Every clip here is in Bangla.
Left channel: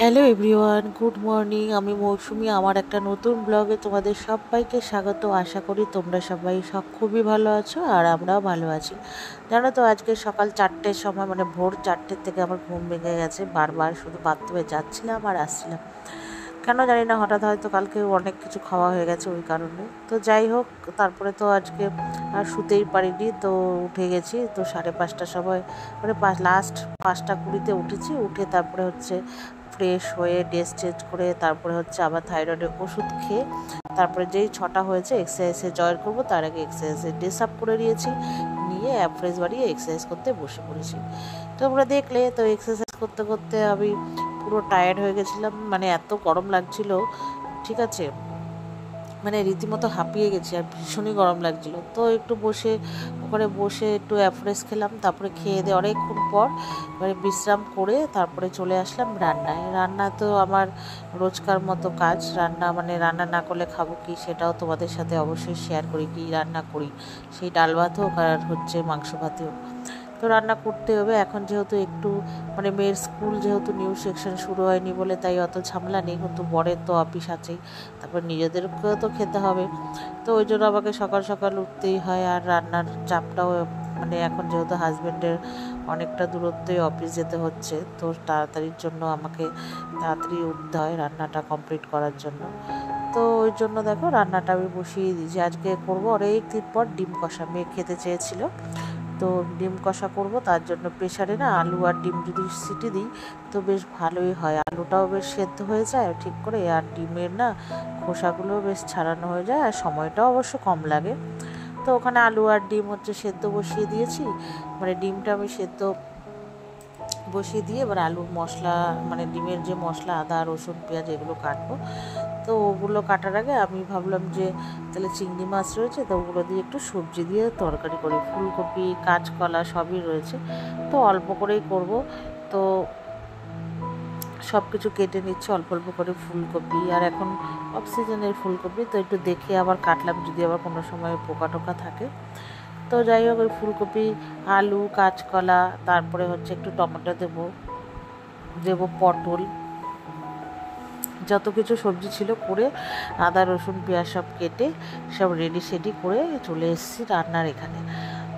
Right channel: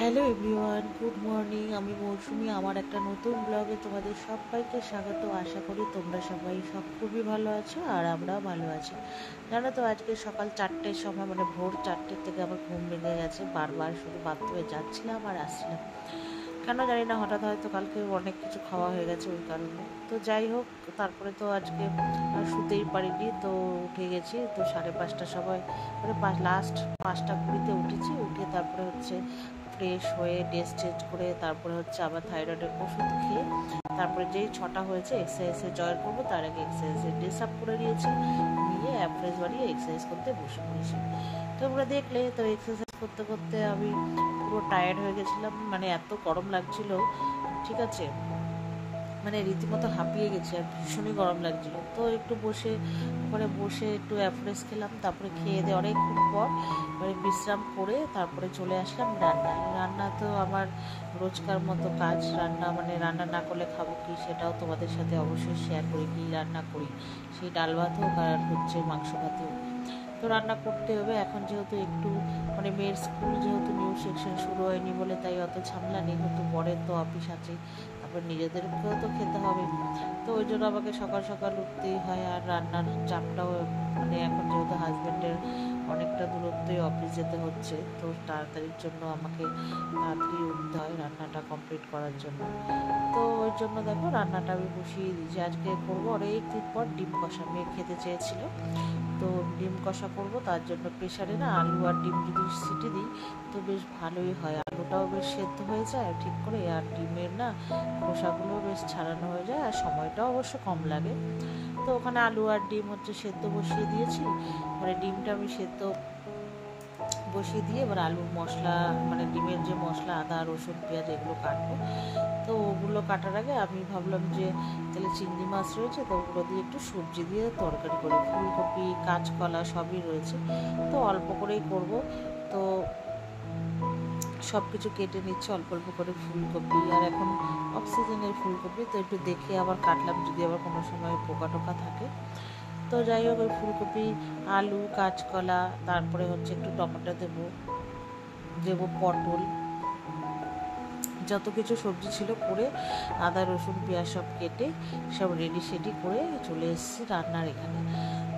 Hello everyone, good morning. আমি মৌসুমি। আমার একটা নতুন ব্লগে তোমাদের সবাইকে স্বাগত। আশা করি তোমরা সবাই খুবই ভালো আছো আর আমরাও ভালো আছি। জানো তো, আজকে সকাল 4টের সময়, মানে ভোর 4টের থেকে আমার ঘুম ভেঙে গেছে। বারবার শুধু বাথরুমে যাচ্ছিলাম আর আসছিলাম, কেন জানি না। হঠাৎ হয়তো কালকে অনেক কিছু খাওয়া হয়ে গেছে ওই কারণে। তো যাই হোক, তারপরে তো আজকে আর শুতেই পারিনি। তো উঠে গেছি তো 5:30টার সময়, মানে লাস্ট 5টা 20-তে উঠেছি। উঠে তারপরে হচ্ছে ফ্রেশ হয়ে ড্রেস চেঞ্জ করে তারপরে হচ্ছে আবার থাইরয়েডের ওষুধ খেয়ে তারপরে যেই 6টা হয়েছে এক্সারসাইজে জয়েন করবো, তার আগে এক্সারসাইজে ড্রেস আপ করে নিয়েছি, নিয়ে অ্যাপ্রেস বাড়িয়ে এক্সারসাইজ করতে বসে পড়েছি। তোমরা দেখলে তো এক্সারসাইজ করতে করতে আমি পুরো টায়ার্ড হয়ে গেছিলাম, মানে এত গরম লাগছিল, ঠিক আছে, মানে রীতিমতো হাঁপিয়ে গেছি আর ভীষণই গরম লাগছিল। তো একটু বসে ওখানে বসে একটু অ্যাফ্রেশ খেলাম, তারপরে খেয়ে দিয়ে অনেকক্ষণ পর মানে বিশ্রাম করে তারপরে চলে আসলাম রান্নায়। রান্না তো আমার রোজকার মতো কাজ, রান্না মানে রান্না না করলে খাবো কি, সেটাও তোমাদের সাথে অবশ্যই শেয়ার করি কী রান্না করি। সেই ডাল ভাত হোক আর হচ্ছে মাংস ভাত হোক, তো রান্না করতে হবে। এখন যেহেতু একটু মানে মেয়ের স্কুল যেহেতু নিউ সেকশন শুরু হয়নি বলে তাই অত ঝামেলা নেই, কিন্তু বরের তো অফিস আছেই, তারপর নিজেদেরকেও তো খেতে হবে। তো ওই জন্য আমাকে সকাল সকাল উঠতেই হয়। আর রান্নার চাপটাও, মানে এখন যেহেতু হাজব্যান্ডের অনেকটা দূরত্বই অফিস যেতে হচ্ছে, তো তাড়াতাড়ির জন্য আমাকে তাড়াতাড়ি উঠতে হয় রান্নাটা কমপ্লিট করার জন্য। তো ওই জন্য দেখো রান্নাটা আমি বসিয়ে দিয়েছি। আজকে করবো অনেক দিন পর ডিম কষা, মেয়ে খেতে চেয়েছিল, তো ডিম কষা করব। তার জন্য প্রেশারে না আলু আর ডিম যদি সিটি দিই তো বেশ ভালোই হয়, আলুটাও বেশ সেদ্ধ হয়ে যায় ঠিক করে, আর ডিমের না খোসাগুলোও বেশ ছাড়ানো হয়ে যায়, আর সময়টাও অবশ্য কম লাগে। তো ওখানে আলু আর ডিম হচ্ছে সেদ্ধ বসিয়ে দিয়েছি, মানে ডিমটা আমি সেদ্ধ বসিয়ে দিয়ে এবার আলুর মশলা, মানে ডিমের যে মশলা আদা রসুন পেঁয়াজ এগুলো কাটবো। তো ওগুলো কাটার আগে আমি ভাবলাম যে তাহলে চিংড়ি মাছ রয়েছে, তো ওগুলো দিয়ে একটু সবজি দিয়ে তরকারি করি, ফুলকপি কাঁচকলা সবই রয়েছে, তো অল্প করেই করব। তো সব কিছু কেটে নিচ্ছে অল্প অল্প করে ফুলকপি, আর এখন অক্সিজেনের ফুলকপি, তো একটু দেখে আবার কাটলাম যদি আবার কোনো সময় পোকা টোকা থাকে। তো যাই হোক, ওই ফুলকপি আলু কাঁচকলা তারপরে হচ্ছে একটু টমেটো দেবো পটল, যত কিছু সবজি ছিল করে আদা রসুন পেঁয়াজ সব কেটে সব রেডি সেডি করে চলে এসেছি রান্নার এখানে।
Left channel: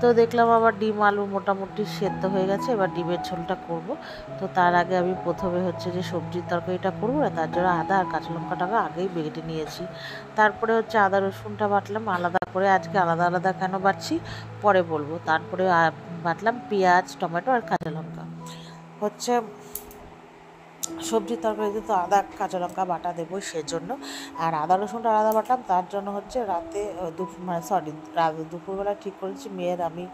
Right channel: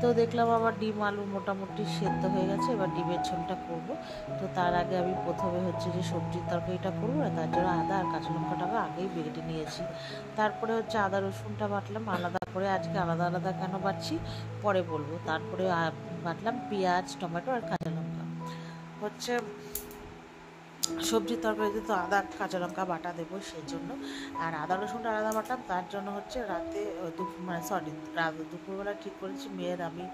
তো দেখলাম আবার ডিম আলু মোটামুটি সেদ্ধ হয়ে গেছে, এবার ডিমের ঝোলটা করব। তো তার আগে আমি প্রথমে হচ্ছে যে সবজির তরকারিটা করবো না, তার জন্য আদা আর কাঁচা লঙ্কাটাকে আগেই বেটে নিয়েছি। তারপরে হচ্ছে আদা রসুনটা বাটলাম আলাদা করে, আজকে আলাদা আলাদা কেন বাটছি পরে বলবো। তারপরে বাটলাম পেঁয়াজ টমেটো আর কাঁচা লঙ্কা। হচ্ছে সবজির তরকারিতে তো আদা কাঁচা লঙ্কা বাটা দেবো সেজন্য, আর আদা রসুনটা আলাদা বাটলাম তার জন্য হচ্ছে রাতে দুপুরবেলা ঠিক করেছি মেয়ের আমি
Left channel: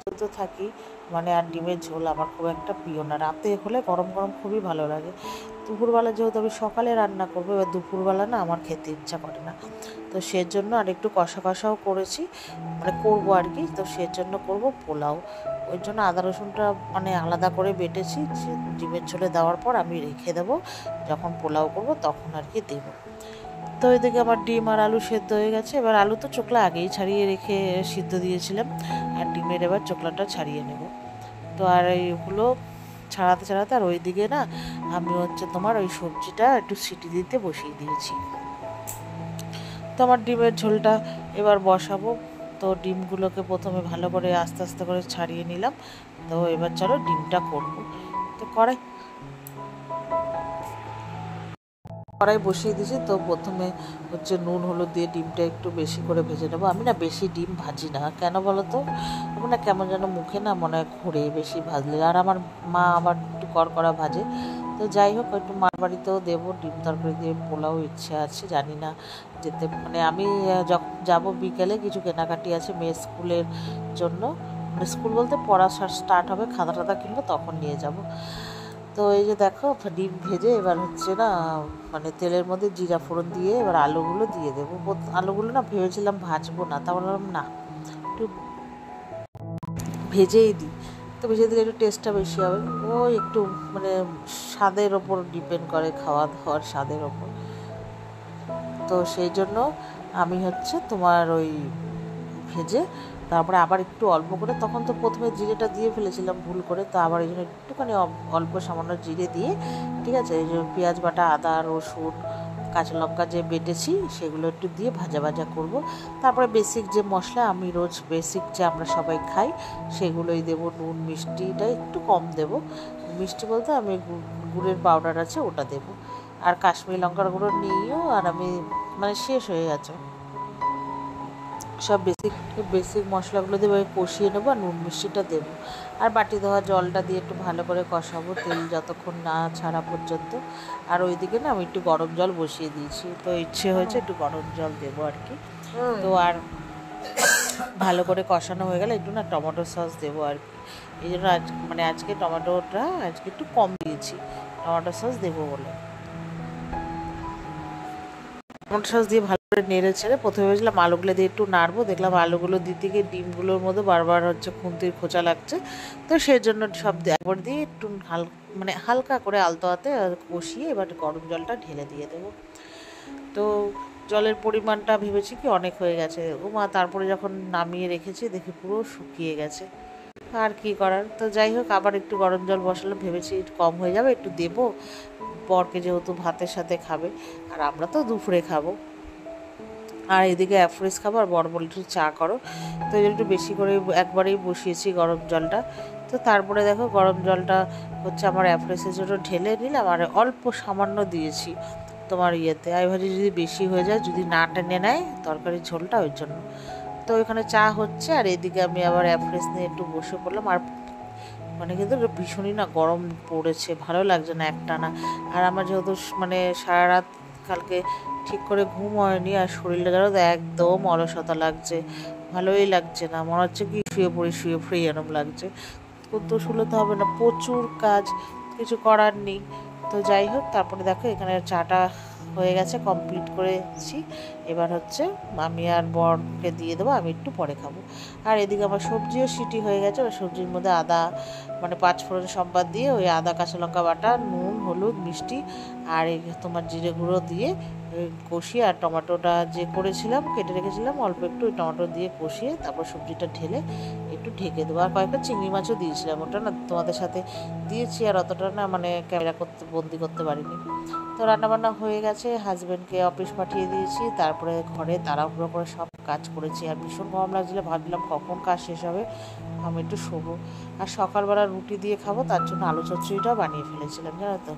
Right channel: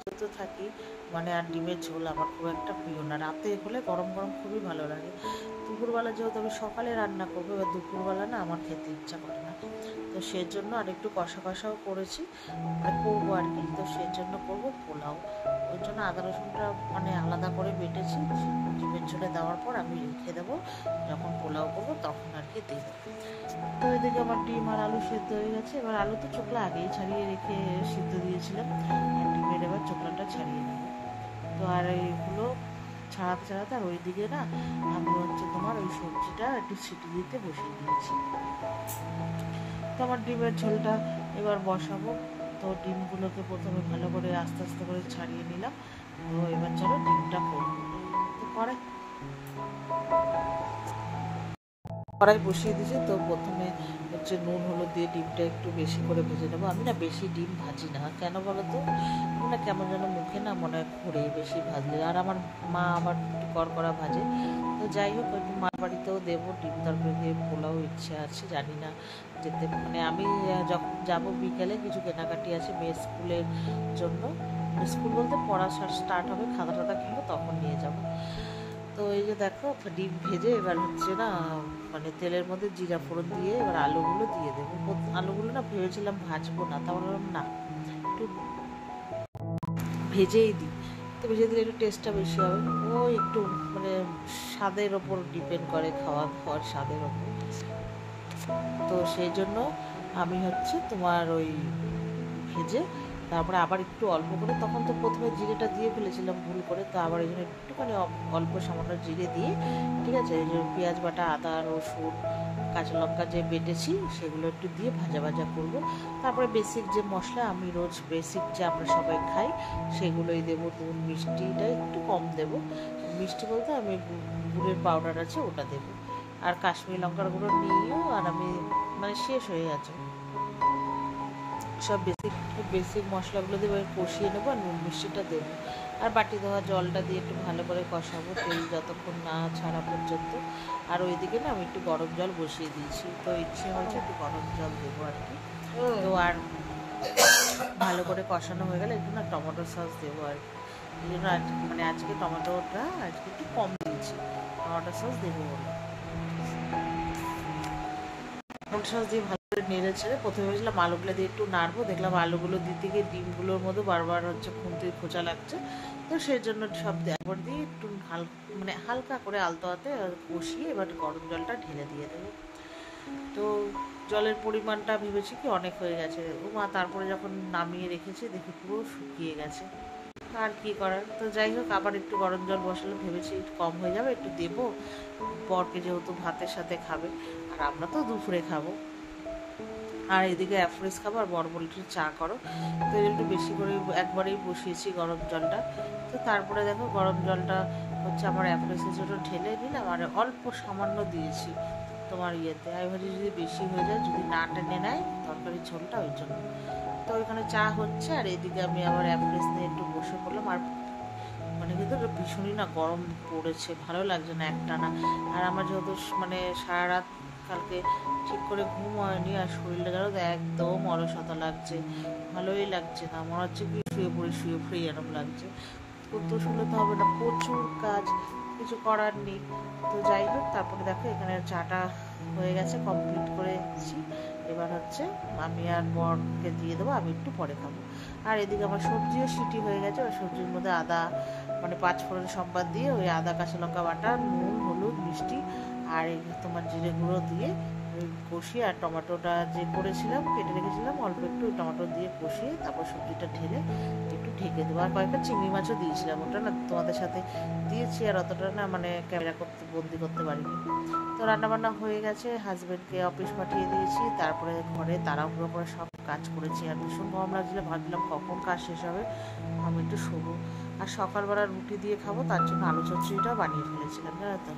যেহেতু থাকি, মানে আর ডিমের ঝোল আমার খুব একটা প্রিয় না, রাতে হলে গরম গরম খুবই ভালো লাগে। দুপুরবেলা যেহেতু আমি সকালে রান্না করবো, এবার দুপুরবেলা না আমার খেতে ইচ্ছা করে না, তো সেজন্য আর একটু কষা কষাও করেছি, মানে করবো আর কি। তো সেজন্য করবো পোলাও, ওই জন্য আদা রসুনটা মানে আলাদা করে বেটেছি, ডিমের ঝোলে দেওয়ার পর আমি রেখে দেবো, যখন পোলাও করবো তখন আর কি দেবো। তো ওইদিকে আমার ডিম আর আলু সেদ্ধ হয়ে গেছে, এবার আলু তো চোকলা আগেই ছাড়িয়ে রেখে সিদ্ধ দিয়েছিলাম, আর ডিমের এবার চোকলাটা ছাড়িয়ে নেব। তো আর এইগুলো ছাড়াতে ছাড়াতে আর ওইদিকে না আমি হচ্ছে তোমার ওই সবজিটা একটু সিটি দিতে বসিয়ে দিয়েছি। তো আমার ডিমের ঝোলটা এবার বসাবো। তো ডিমগুলোকে প্রথমে ভালো করে আস্তে আস্তে করে ছাড়িয়ে নিলাম। তো এবার চলো ডিমটা করবো। তো কড়াই বসিয়ে দিয়েছি, তো প্রথমে হচ্ছে নুন হলুদ দিয়ে ডিমটা একটু বেশি করে ভেজে নেবো। আমি না বেশি ডিম ভাজি না, কেন বলো তো, আমার না কেমন যেন মুখে না মনে হয় ঘুরে বেশি ভাজলে, আর আমার মা আবার একটু কড়কড়া ভাজে। তো যাই হোক, একটু মার বাড়িতেও দেবো ডিম তরকারি দিয়ে পোলাও ইচ্ছে আছে, জানি না যেতে, মানে আমি যখন যাবো বিকেলে কিছু কেনাকাটি আছে মেয়ের স্কুলের জন্য, মানে স্কুল বলতে পড়া স্টার্ট হবে, খাতা টাতা কিনবো তখন নিয়ে যাব। তো এই যে দেখো ডিম ভেজে এবার হচ্ছে না মানে তেলের মধ্যে জিরা ফোড়ন দিয়ে এবার আলুগুলো দিয়ে দেবো। আলুগুলো না ভেবেছিলাম ভাজবো না, তা বললাম না একটু ভেজেই দিই, তো ভেজে দিলে একটু টেস্টটা বেশি হবে। ও একটু মানে স্বাদের ওপর ডিপেন্ড করে, খাওয়া দাওয়ার স্বাদের ওপর। তো সেই জন্য আমি হচ্ছে তোমার ওই ভেজে তারপরে আবার একটু অল্প করে, তখন তো প্রথমে জিরেটা দিয়ে ফেলেছিলাম ভুল করে, তো আবার এই জন্য একটুখানি অল্প সামান্য জিরে দিয়ে, ঠিক আছে, এই যে পেঁয়াজ বাটা, আদা, রসুন, কাঁচা লঙ্কা যে বেটেছি সেগুলো একটু দিয়ে ভাজা ভাজা করব। তারপরে বেসিক যে মশলা, আমি রোজ বেসিক যে আমরা সবাই খাই সেগুলোই দেবো। নুন মিষ্টিটা একটু কম দেবো, মিষ্টি বলতে আমি গুড়ের পাউডার আছে ওটা দেবো, আর কাশ্মীরি লঙ্কার গুঁড়ো নিয়েও, আর আমি মানে শেষ হয়ে গেছে সব বেসিক মশলাগুলো দিয়ে কষিয়ে নেবো, আর নুন মিষ্টিটা দেবো, আর বাটি ধোয়া জলটা দিয়ে একটু ভালো করে কষাবো তেল যতক্ষণ না ছাড়া পর্যন্ত। আর ওইদিকে না আমি একটু গরম জল বসিয়ে দিয়েছি, তো ইচ্ছে হয়েছে একটু গরম জল দেবো আর কি। তো আর ভালো করে কষানো হয়ে গেলে একটু না টমেটো সস দেবো আর কি, এই জন্য আজকে টমেটোটা একটু কম দিয়েছি, টমেটো সস দেবো বলে। টমেটো সস দিয়ে ভালো করে নেড়ে ছেড়ে প্রথমে ভেবেছিলাম আলুগুলো দিয়ে একটু নাড়বো, দেখলাম আলুগুলো দিতে গিয়ে ডিমগুলোর মধ্যে বারবার খুন্তির খোঁচা লাগছে, তো সেই জন্য সব একবার দিয়ে একটু হালকা করে আলতো হাতে কষিয়ে এবার গরম জলটা ঢেলে দিয়ে দেবো। তো জলের পরিমাণটা ভেবেছি কি অনেক হয়ে গেছে তারপরে যখন নামিয়ে রেখেছি দেখি পুরো শুকিয়ে গেছে, আর কি করার। তো যাই হোক, আবার একটু গরম জল বসালাম, ভেবেছি একটু কম হয়ে যাবে, একটু দেবো, বরকে যেহেতু ভাতের সাথে খাবে আর আমরা তো দুপুরে খাবো, আর এদিকে অ্যাফ্রেস খাবো, আর বর বলে একটু চা করো, তো একটু বেশি করে একবারেই বসিয়েছি গরম জলটা। তো তারপরে দেখো গরম জলটা আমার অ্যাফ্রেসের জন্য ঢেলে নিলাম, আর অল্প সামান্য দিয়েছি তোমার ইয়েতে, আমি ভাবছি যদি বেশি হয়ে যায়, যদি না টেনে নেয় তরকারির ঝোলটা, ওই জন্য। তো ওইখানে চা হচ্ছে, আর এদিকে আমি আবার অ্যাফ্রেস নিয়ে একটু বসে পড়লাম, আর কিন্তু ভীষণই না গরম পড়েছে, ভালো লাগছে না একটানা। আর আমার যেহেতু সারা রাত কালকে ঠিক করে ঘুম হয়নি, আর শরীরটা যেন একদম অলসতা লাগছে, ভালোই লাগছে না, মনে হচ্ছে কি শুয়ে পড়ি এরম লাগছে। তো শুলোতে হবে না, প্রচুর কাজ, কিছু করার নেই। তো যাই হোক, তারপরে দেখো এখানে চাটা হয়ে গেছে, কমপ্লিট করেছি। এবার আমি আর বরকে দিয়ে দেবো, আমি একটু পরে খাবো। আর এদিকে আমার সবজিও সিটি হয়ে গেছে, ওই সবজির মধ্যে আদা পাঁচফোড়ন সম্বাদ দিয়ে, ওই আদা কাঁচা লঙ্কা বাটা, নুন, হলুদ, মিষ্টি, আর এই তোমার জিরে গুঁড়ো দিয়ে কষিয়ে, আর টমেটোটা যে করেছিলাম কেটে রেখেছিলাম অল্প একটু, ওই টমেটো দিয়ে কষিয়ে তারপর সবজিটা ঢেলে একটু ঢেকে দেবো। আর কয়েকটা চিংড়ি মাছও দিয়েছিলাম, ওটা না তোমাদের সাথে দিয়েছি, আর অতটা না ক্যামেরা বন্দি করতে পারিনি। তো রান্নাবান্না হয়ে গেছে, হাজব্যান্ডকে অফিস পাঠিয়ে দিয়েছি, তারপরে ঘরে তাড়াহুড়ো করে সব কাজ করেছি, আর ভীষণ গরম লাগছিল, ভাবলাম কখন কাজ শেষ হবে, আমি একটু শোবো। আর সকালবেলা রুটি দিয়ে খাবো, তার জন্য আলু চচ্চড়িটাও বানিয়ে ফেলেছিলাম, জানো তো।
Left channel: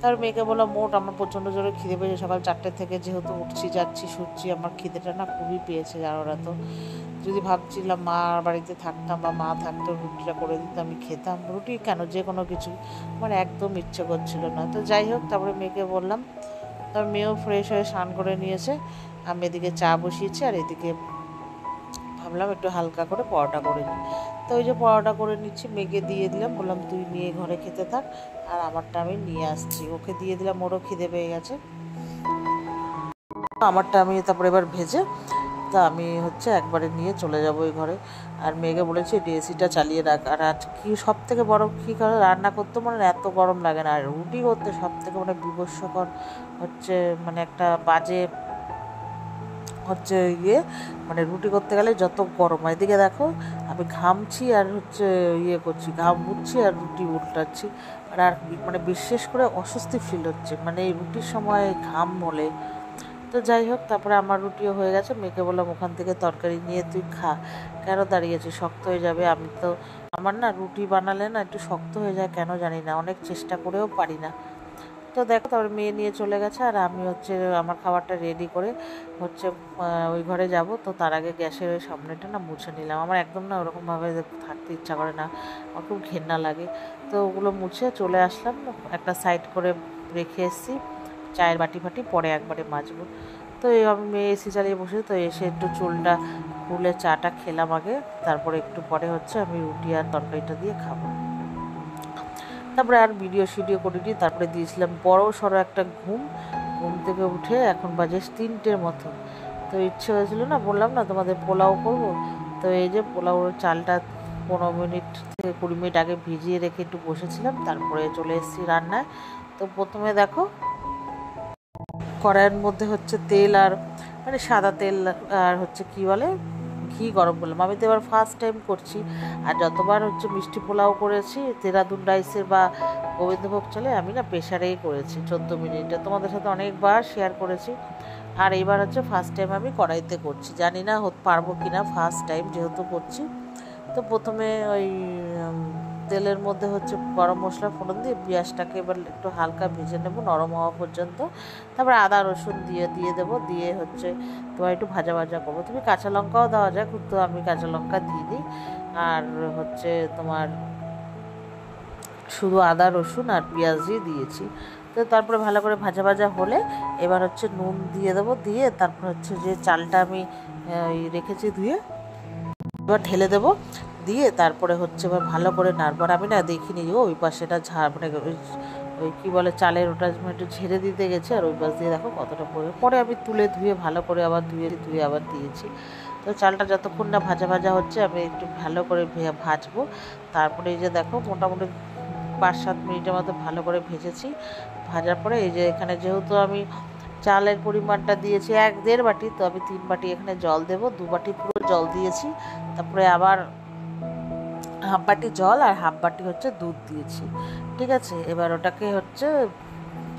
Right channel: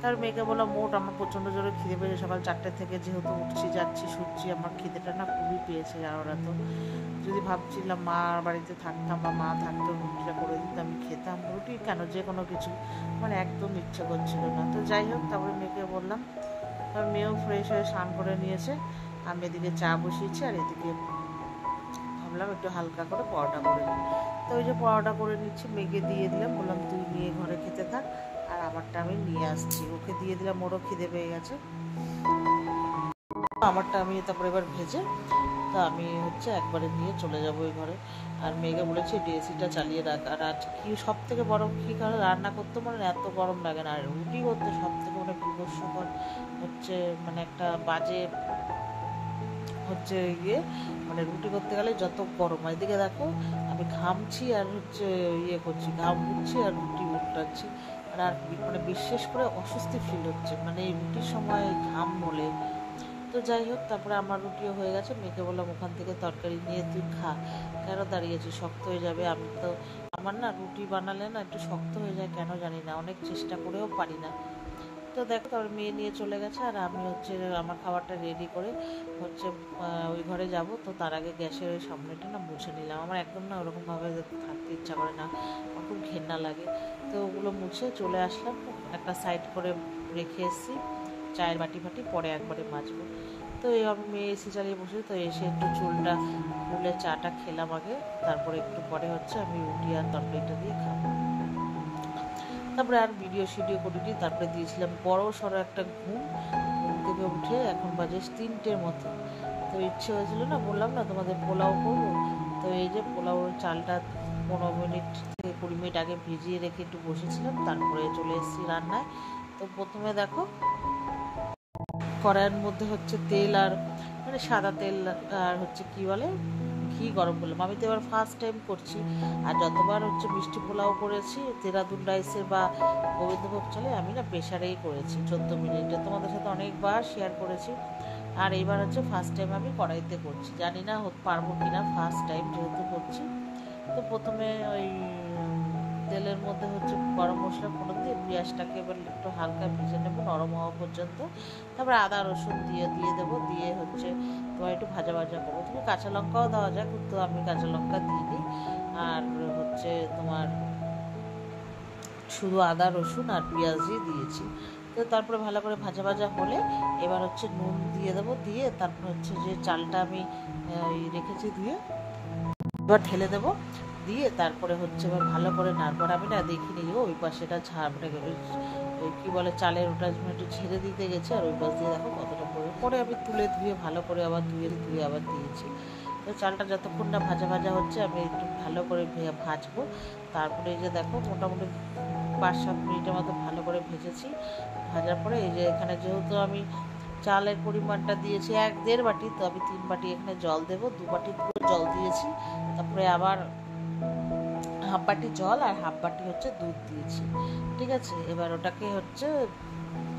তার মেয়েকে বললাম আমার প্রচণ্ড জোরে খিদে পেয়েছে, সকাল 4টে থেকে যেহেতু যাচ্ছি শুচ্ছি, আমার খিদেটা না খুবই পেয়েছে, জানো না তো। যদি ভাবছিলাম মা বাড়িতে থাকতাম বা মা থাকতো, রুটিটা করে দিত, আমি খেতাম, রুটি কেন যে কোনো কিছু, একদম ইচ্ছে করছিল না। তো যাই হোক, তারপরে মেয়েকে বললাম, তারপর মেয়েও ফ্রেশ হয়ে স্নান করে নিয়েছে, আমি এদিকে চা বসিয়েছি, আর এদিকে ভাবলাম একটু হালকা করে পরোটা করে নিই। তো ওই যে পরোটা করে নিচ্ছি, মেয়েকে দিয়ে দিলাম, বললাম তুই নিয়ে ঘরে খেতে থাক, আর আমারটা আমি নিয়ে আসছি, ওকে দিয়ে দিলাম, ওরও খিদে পেয়ে গেছে। আমারটা আমি তারপরে এবার ভেজে আমি একবারে নিয়ে চলে যাবো ওই ঘরে। আর মেয়েকে বলেছি এসিটা চালিয়ে রাখ। আর কি সব থেকে বড় কী করে রান্না করতে এত গরম লাগে না, আর রুটি করতে সব থেকে বিভৎসকর একটা বাজে ইয়ে, রুটি করতে গেলে যত গরম হয়। এদিকে দেখো আমি ঘামছি, আর করছি, ঘাম মুছছি, আর রুটি উল্টাচ্ছি, আর বিশেষ করে অস্বস্তি ফিল হচ্ছে এই রুটির সময় ঘাম মলে। তো যাই হোক, তারপরে আমার রুটিও হয়ে গেছে, মেয়েকে বললাম ওখান থেকে তরকারি নিয়ে তুই খা, কেন দাঁড়িয়েছি, শক্ত হয়ে যাবে। আমার না রুটি বানালে না একটু শক্ত হয়ে যায়, কেন জানি না, অনেক চেষ্টা করেও পারি না। তো দেখো, তারপরে মেয়ে নিয়ে চলে গেছে, আর আমি আমার খাবারটা রেডি করে ওই ঘরে যাব। তো তার আগে গ্যাসের ওই সামনেটা না মুছে নিলাম, আমার একদম না ওরকমভাবে থাকতে ইচ্ছা করে না, আমার খুব ঘেন্না লাগে। তো ওগুলো মুছে চলে আসলাম, একটা সাইড করে রেখে এসেছি, চায়ের বাটি ফাটি পরে একবারে মাজবো। তো আমি মেয়ে এসি চালিয়ে বসে, তো এসে একটু চুলটা খুলে চাটা খেলাম আগে, তারপরে একটু পরে আমি রুটি আর তরকারিটা দিয়ে খাবো। তারপরে আর ভিডিও করিনি, তারপরে দিয়েছিলাম বড় সড়ো একটা ঘুম থেকে উঠে এখন বাজে 3টের মতো। তো ইচ্ছে হয়েছিল না, বললাম না তোমাদের পোলাও করবো, তো এই যে পোলাওর চালটা 15 মিনিট থেকে 20 মিনিট আগে ভিজিয়ে রেখে একটু বসেছিলাম, তারপরে চলে এসেছি রান্নায়। তো প্রথমে দেখো কড়াইয়ের মধ্যে তেল, আর সাদা তেল, আর কি বলে ঘি গরম করলাম। আমি তো এবার ফার্স্ট টাইম করছি, আর যতবার হচ্ছে মিষ্টি পোলাও করেছি দেরাদুন রাইসের বা গোবিন্দভোগ চালে আমি না প্রেশারেই করেছি 14 মিনিটে, তোমাদের সাথে অনেকবার শেয়ার করেছি। আর এইবার হচ্ছে ফার্স্ট টাইম আমি কড়াইতে করছি, জানি না পারবো কিনা, ফার্স্ট টাইম যেহেতু করছি। তো প্রথমে ওই তেলের মধ্যে হচ্ছে গরম মশলা ফোড়ন দিয়ে পেঁয়াজটাকে এবার একটু হালকা ভেজে নেবো নরম হওয়া পর্যন্ত। তারপরে আদা রসুন দিয়ে দেবো, দিয়ে হচ্ছে তোমার একটু ভাজা ভাজা করবো। তুমি কাঁচা লঙ্কাও দেওয়া যায়, কিন্তু আমি কাঁচা লঙ্কা দিয়ে দিই। আর হচ্ছে তোমার শুধু আদা রসুন আর পেঁয়াজ দিয়েছি। তো তারপরে ভালো করে ভাজা ভাজা হলে এবার হচ্ছে নুন দিয়ে দেবো, দিয়ে তারপর হচ্ছে যে চালটা আমি রেখেছি ধুয়ে এবার ঢেলে দেবো, দিয়ে তারপরে হচ্ছে এবার ভালো করে নাড়বো। আমি না দেখিনি ওই পাশেটা মানে ওই কী বলে চালের ওটা একটু ঝেড়ে দিতে গেছে, আর ওই পাশ দিয়ে দেখো কতটা পরে আমি তুলে ধুয়ে ভালো করে আবার ধুয়ে আবার দিয়েছি। তো চালটা যতক্ষণ না ভাজা ভাজা হচ্ছে আমি একটু ভালো করে ভাজবো। তারপরে এই যে দেখো মোটামুটি 5-7 মিনিটের মতো ভালো করে ভেজেছি। ভাজার পরে এই যে এখানে যেহেতু আমি চালের পরিমাণটা দিয়েছি 1-1.5 বাটি, তো আমি 3 বাটি এখানে জল দেবো, 2 বাটি পুরো জল দিয়েছি। তারপরে আবার হাফ বাটি জল আর হাফ বাটি হচ্ছে দুধ দিয়েছি, ঠিক আছে। এবার ওটাকে হচ্ছে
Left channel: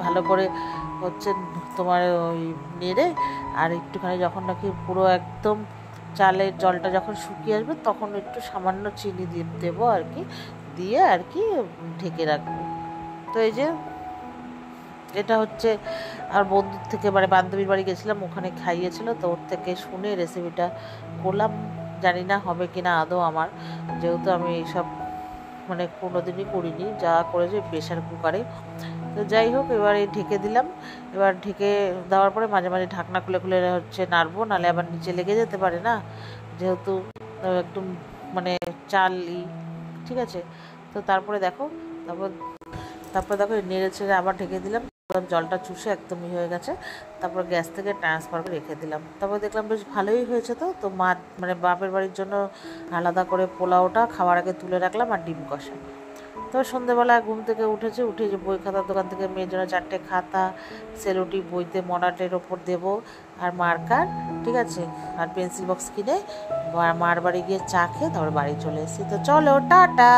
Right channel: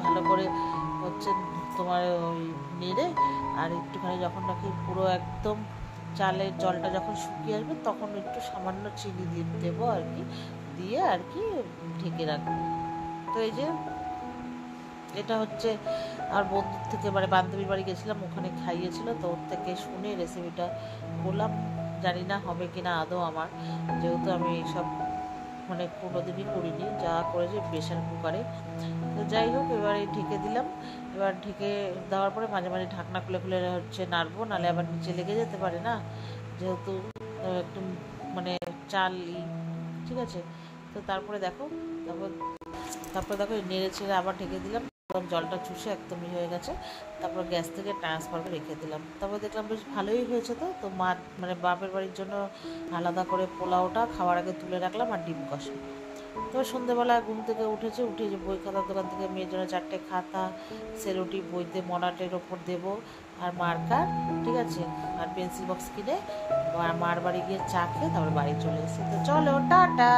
ভালো করে হচ্ছে তোমার ওই নেড়ে আর একটুখানি যখন নাকি পুরো একদম চালের জলটা যখন শুকিয়ে আসবে তখন একটু সামান্য চিনি দিয়ে দেবো আর কি, দিয়ে আর কি ঢেকে রাখবো। তো এই যে এটা হচ্ছে আর বন্ধুর থেকে মানে বান্ধবীর বাড়ি গেছিলাম, ওখানে খাইয়েছিল, তো ওর থেকে শুনে রেসিপিটা করলাম। জানি না হবে কিনা আদৌ আমার, যেহেতু আমি এইসব মানে কোনোদিনই করিনি, যা করেছি প্রেশার কুকারে। তো যাই হোক এবার এই ঢেকে দিলাম। এবার ঢেকে দেওয়ার পরে মাঝে মাঝে ঢাকনা খুলে খুলে হচ্ছে নাড়বো, নাহলে আবার নিচে লেগে যেতে পারে না, যেহেতু একদম মানে চাল ঠিক আছে। তো তারপরে দেখো নেড়ে ছেড়ে আবার ঢেকে দিলাম, জলটা চুষে একদমই হয়ে গেছে। তারপর গ্যাস থেকে ট্রান্সফার করে রেখে দিলাম। তারপর দেখলাম বেশ ভালোই হয়েছে। তো মা মানে বাপের বাড়ির জন্য আলাদা করে পোলাওটা খাওয়ার আগে তুলে রাখলাম, আর ডিম কষা। তো সন্ধ্যেবেলা ঘুম থেকে উঠে যে বই খাতার দোকান থেকে মেয়ের জন্য 4টে খাতা, সেলোটি বইতে মডার্টের ওপর দেবো, আর মার্কার, ঠিক আছে, আর পেন্সিল বক্স কিনে মার বাড়ি গিয়ে চা খেয়ে তারপর বাড়ি চলে এসেছি। তো চলো টাটা।